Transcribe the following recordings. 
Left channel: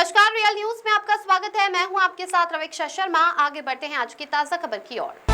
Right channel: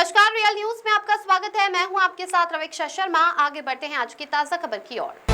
नमस्कार, real news में आपका स्वागत है। मैं हूं आपके साथ रवीक्षा शर्मा। आगे बढ़ते हैं आज की ताजा खबर की ओर।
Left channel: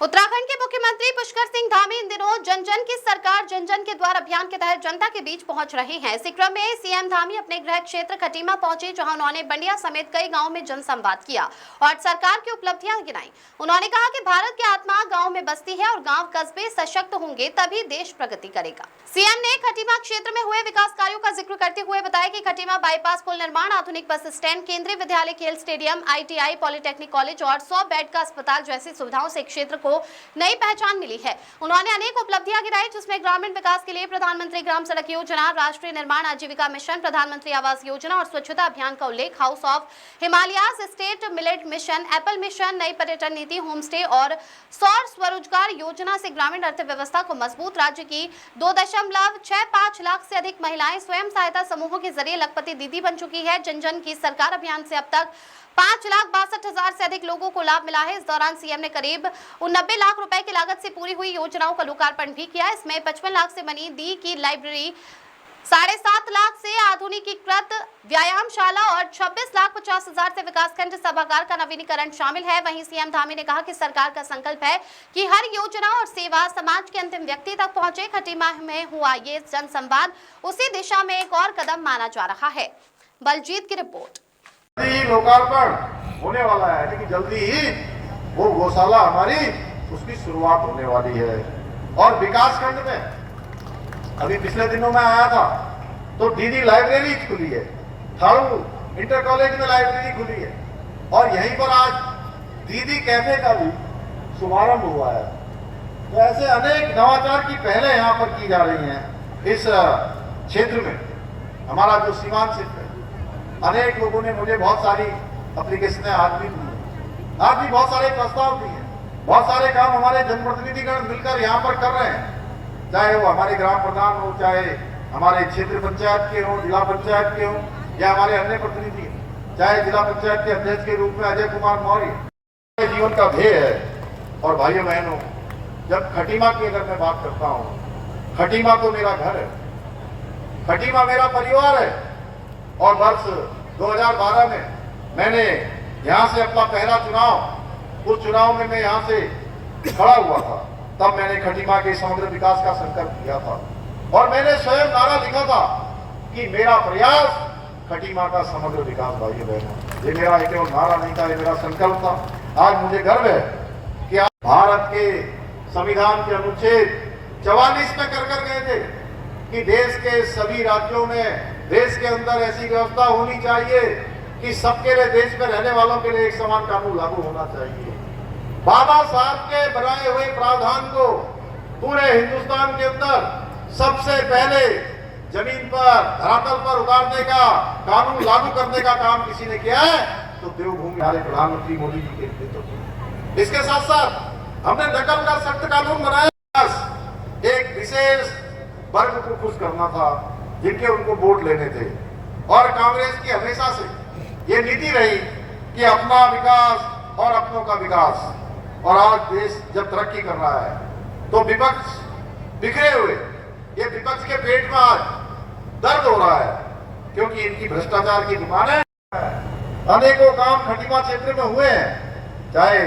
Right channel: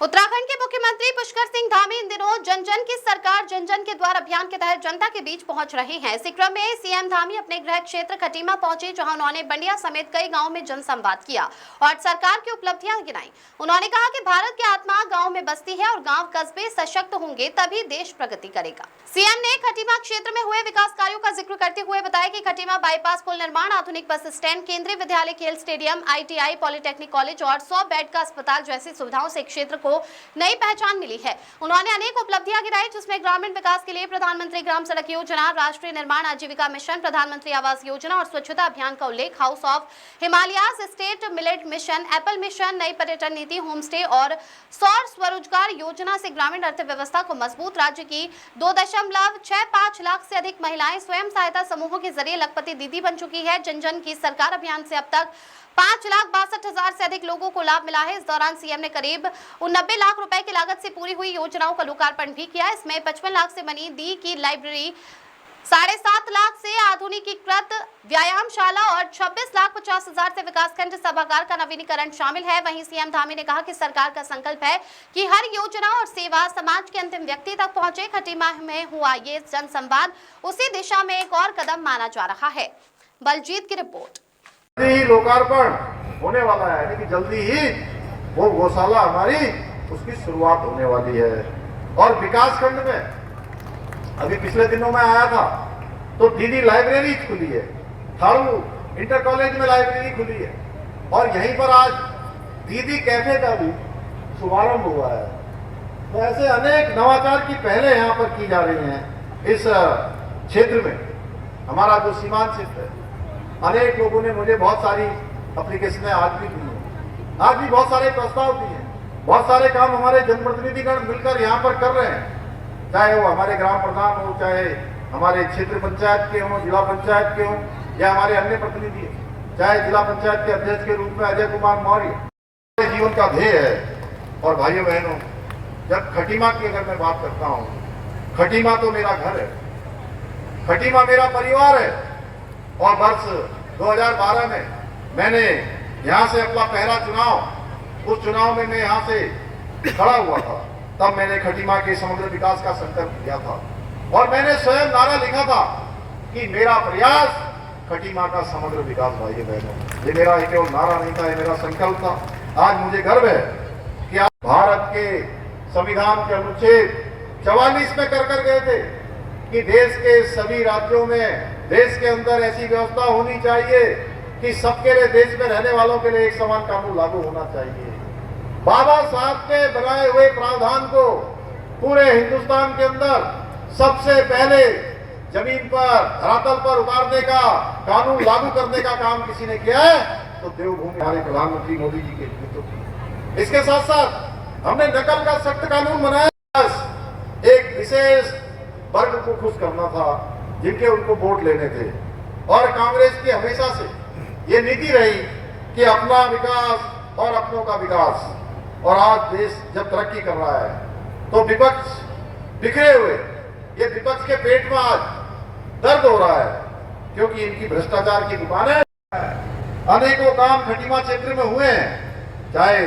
उत्तराखंड के मुख्यमंत्री पुष्कर सिंह धामी इन दिनों जन जन की सरकार जन जन के द्वार अभियान के तहत जनता के बीच पहुंच रहे हैं। इसी क्रम में सीएम धामी अपने गृह क्षेत्र खटीमा पहुंचे, जहां उन्होंने बंडिया समेत कई गांवों में जनसंवाद किया और सरकार की उपलब्धियां गिनाई। उन्होंने कहा कि भारत की आत्मा गाँव में बसती है और गाँव कस्बे सशक्त होंगे तभी देश प्रगति करेगा। सीएम ने खटीमा क्षेत्र में हुए विकास कार्यों का जिक्र करते हुए बताया कि खटीमा बाईपास पुल निर्माण, आधुनिक बस स्टैंड, केंद्रीय विद्यालय, खेल स्टेडियम, ITI, पॉलिटेक्निक कॉलेज और 100 बेड का अस्पताल जैसी सुविधाओं से क्षेत्र को नई पहचान मिली है। उन्होंने अनेक उपलब्धियां गिनाई, जिसमें ग्रामीण विकास के लिए प्रधानमंत्री ग्राम सड़क योजना, राष्ट्रीय निर्माण आजीविका मिशन, प्रधानमंत्री आवास योजना और स्वच्छता अभियान का उल्लेख, house of Himalayas, state millet mission, Apple mission, नई पर्यटन नीति, होम स्टे और सौर स्वरोजगार योजना से ग्रामीण अर्थव्यवस्था को मजबूत। राज्य की 2.65 लाख से अधिक महिलाएं स्वयं सहायता समूहों के जरिए लखपति दीदी बन चुकी है। जन जन की सरकार अभियान से अब तक 5,62,000 से अधिक लोगों को लाभ मिला है। इस दौरान सीएम ने करीब 90 लाख रुपए की लागत से पूरी हुई योजनाओं का लोकार्पण भी किया। इसमें 55 लाख से बनी दी की लाइब्रेरी, 7.5 लाख से आधुनिकीकृत व्यायामशाला और 26,50,000 से विकासखंड सभागार का नवीनीकरण शामिल है। वहीं सीएम धामी ने कहा कि सरकार का संकल्प है कि हर योजना और सेवा समाज के अंतिम व्यक्ति तक पहुंचे। खटीमा में हुआ ये जनसंवाद उसी दिशा में एक और कदम माना जा रहा है। बलजीत की रिपोर्ट। ही लोकार्पण होने वाला है, यानी कि जल्दी ही वो गौशाला हमारी उसकी शुरुआत होने वाली है। और विकासखंड में अभी पिछले दिनों में आया था तो दीदी लाइब्रेरी खुली है, थारू इंटर कॉलेज में लाइब्रेरी खुली है और यहीं पर आज दीदी कैफे का भी शुभारंभ हुआ है। तो ऐसे अनेक नवाचार की पहले यहाँ पर की जा रही हैं इस क्षेत्र में। हमारा जो सीमांत क्षेत्र है, अनेक लोगों ने मुझे बहुत सारी एप्लीकेशनें आज भी दी हैं, आज भी बहुत सारे प्रस्ताव दिए हैं, बहुत सारे काम हमारे जनप्रतिनिधिगण मिलकर यहाँ पर कर रहे हैं, चाहे वो हमारे ग्राम प्रधान हो, चाहे हमारे क्षेत्र पंचायत के हो, जिला पंचायत के हो, या हमारे अन्य प्रतिनिधि, चाहे जिला पंचायत के अध्यक्ष के रूप में अजय कुमार मौर्य। जीवन का ध्येय है। और भाइयों बहनों, जब खटीमा की अगर मैं बात करता हूँ, खटीमा तो मेरा घर है, खटीमा मेरा परिवार है। और वर्ष 2012 में मैंने यहाँ से अपना पहला चुनाव, उस चुनाव में मैं यहाँ से खड़ा हुआ था, तब मैंने खटीमा के समग्र विकास का संकल्प किया था और मैंने स्वयं नारा लिखा था कि मेरा प्रयास खटीमा का समग्र विकास। भाइयों बहनों, ये मेरा एक नारा नहीं था, ये मेरा संकल्प था। आज मुझे गर्व है कि आज भारत के संविधान के अनुच्छेद 44 में कर गए थे कि देश के सभी राज्यों में, देश के अंदर ऐसी व्यवस्था होनी चाहिए कि सबके लिए, देश में रहने वालों के लिए एक समान कानून लागू होना चाहिए। बाबा साहब के बनाए हुए प्रावधान को पूरे हिंदुस्तान के अंदर सबसे पहले जमीन पर, धरातल पर उतारने का, कानून लागू करने का काम किसी ने किया है तो देवभूमि हमारे प्रधानमंत्री मोदी जी के नेतृत्व में। इसके साथ साथ हमने नकल का सख्त कानून बनाया। एक विशेष वर्ग को खुश करना था जिनके उनको वोट लेने थे। और कांग्रेस की हमेशा से ये नीति रही कि अपना विकास और अपनों का विकास। और आज देश जब तरक्की कर रहा है तो विपक्ष बिखरे हुए, ये विपक्ष के पेट में आज दर्द हो रहा है क्योंकि इनकी भ्रष्टाचार की दुकानें। अनेकों काम खटीमा क्षेत्र में हुए हैं, चाहे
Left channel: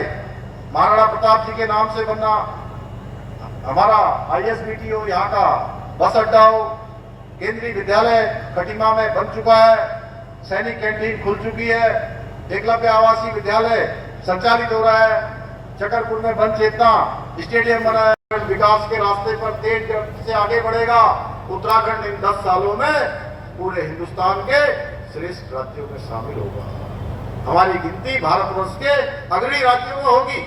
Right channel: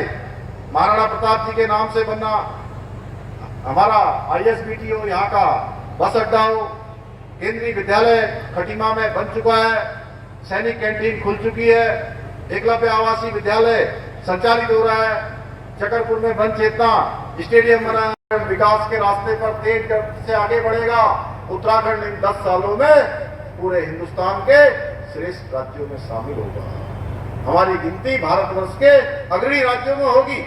महाराणा प्रताप जी के नाम से बनना हमारा ISBT हो, यहाँ का बस अड्डा हो, केंद्रीय विद्यालय खटीमा में बन चुका है, सैनिक कैंटीन खुल चुकी है, एकलव्य आवासीय विद्यालय संचालित हो रहा है, चकरपुर में वन चेतना स्टेडियम बना है। विकास के रास्ते पर तेज गति से आगे बढ़ेगा। उत्तराखंड इन 10 सालों में पूरे हिंदुस्तान के श्रेष्ठ राज्यों में शामिल होगा। हमारी गिनती भारतवर्ष के अग्रणी राज्यों में होगी।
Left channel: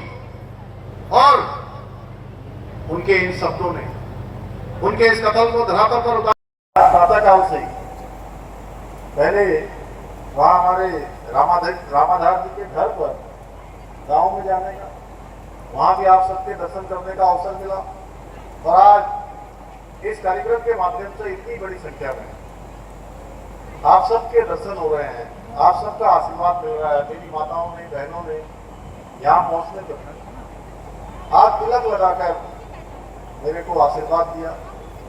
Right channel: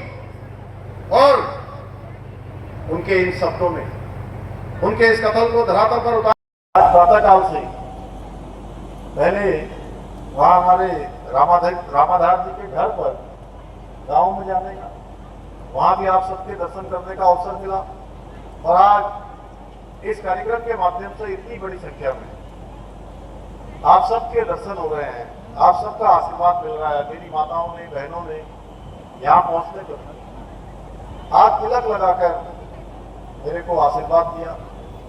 और उनके इन शब्दों ने, उनके इस कथन को धरातल पर उतारा। प्रातःकाल से पहले वहां हमारे रामाधार जी के घर पर गांव में जाने का, वहां भी आप सबके दर्शन करने का अवसर मिला। और आज इस कार्यक्रम के माध्यम से इतनी बड़ी संख्या में आप सबके दर्शन हो रहे हैं, आप सबका आशीर्वाद मिल रहा है। मेरी माताओं ने, बहनों ने यहाँ पहुंचने पर आज तिलक लगाकर मेरे को आशीर्वाद दिया।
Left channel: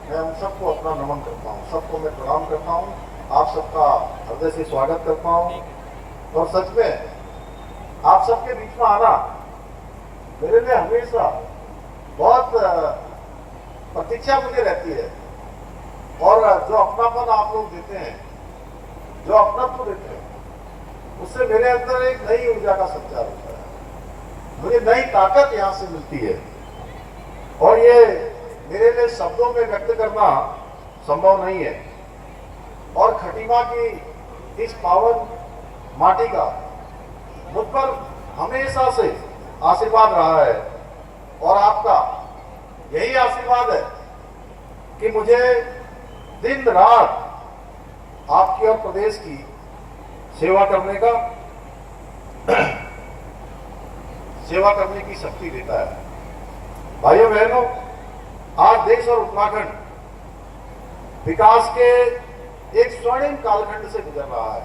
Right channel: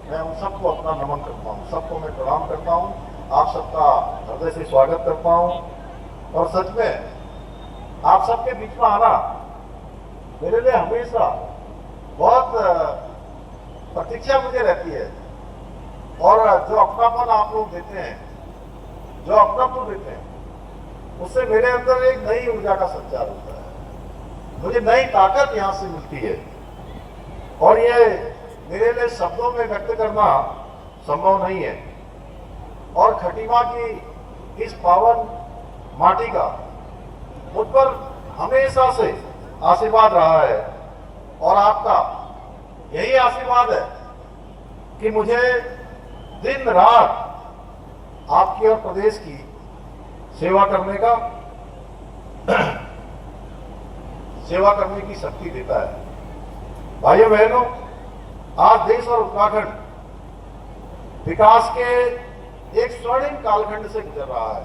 मैं उन सबको अपना नमन करता हूँ, सबको मैं प्रणाम करता हूँ। आप सबका हृदय से स्वागत करता हूं। और सच में आप सबके बीच में आना मेरे लिए हमेशा बहुत प्रतीक्षा मुझे रहती है। और जो अपनापन आप लोग देते हैं, जो अपनापन देते हैं, उससे मेरे अंदर एक नई ऊर्जा का संचार होता है, मुझे नई ताकत यहां से मिलती है। और ये मेरे लिए शब्दों में व्यक्त करना संभव नहीं है। और खटीमा की इस पावन माटी का मुझ पर हमेशा से आशीर्वाद रहा है। और आपका यही आशीर्वाद है कि मुझे दिन रात आपकी और प्रदेश की सेवा करने की शक्ति देता है। भाइयों बहनों, आज देश और उत्तराखंड विकास के एक स्वर्णिम कालखंड से गुजर रहा है।